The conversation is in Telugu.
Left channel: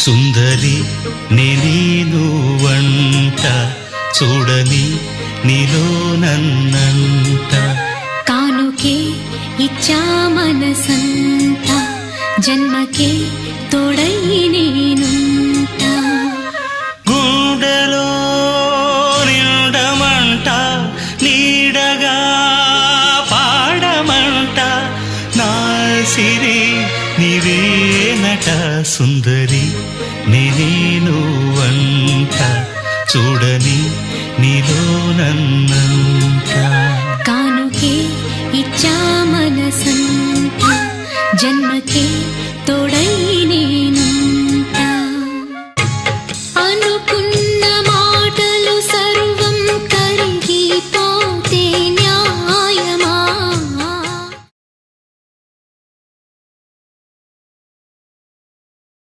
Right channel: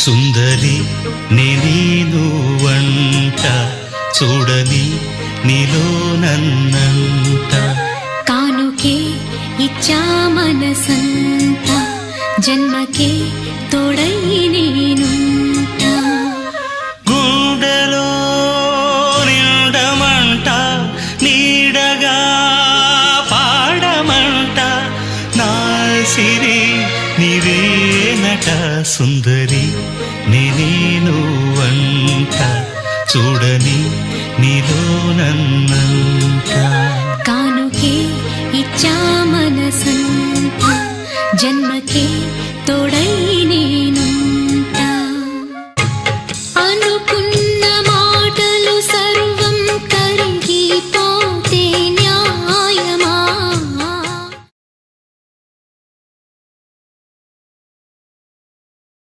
సుందరి నేను వంట చూడని నీలో నన్నంత కానుకే ఇచ్చా మనసంత జన్మకే తోడై నేనుంట గుండెలో నిండమంట నీడగా పాడమంట నా సిరి నీవేనట సుందరి నేను వంట చూడని నీలో నన్నంత కానుకే ఇచ్చా మనసంత జన్మకే తోడై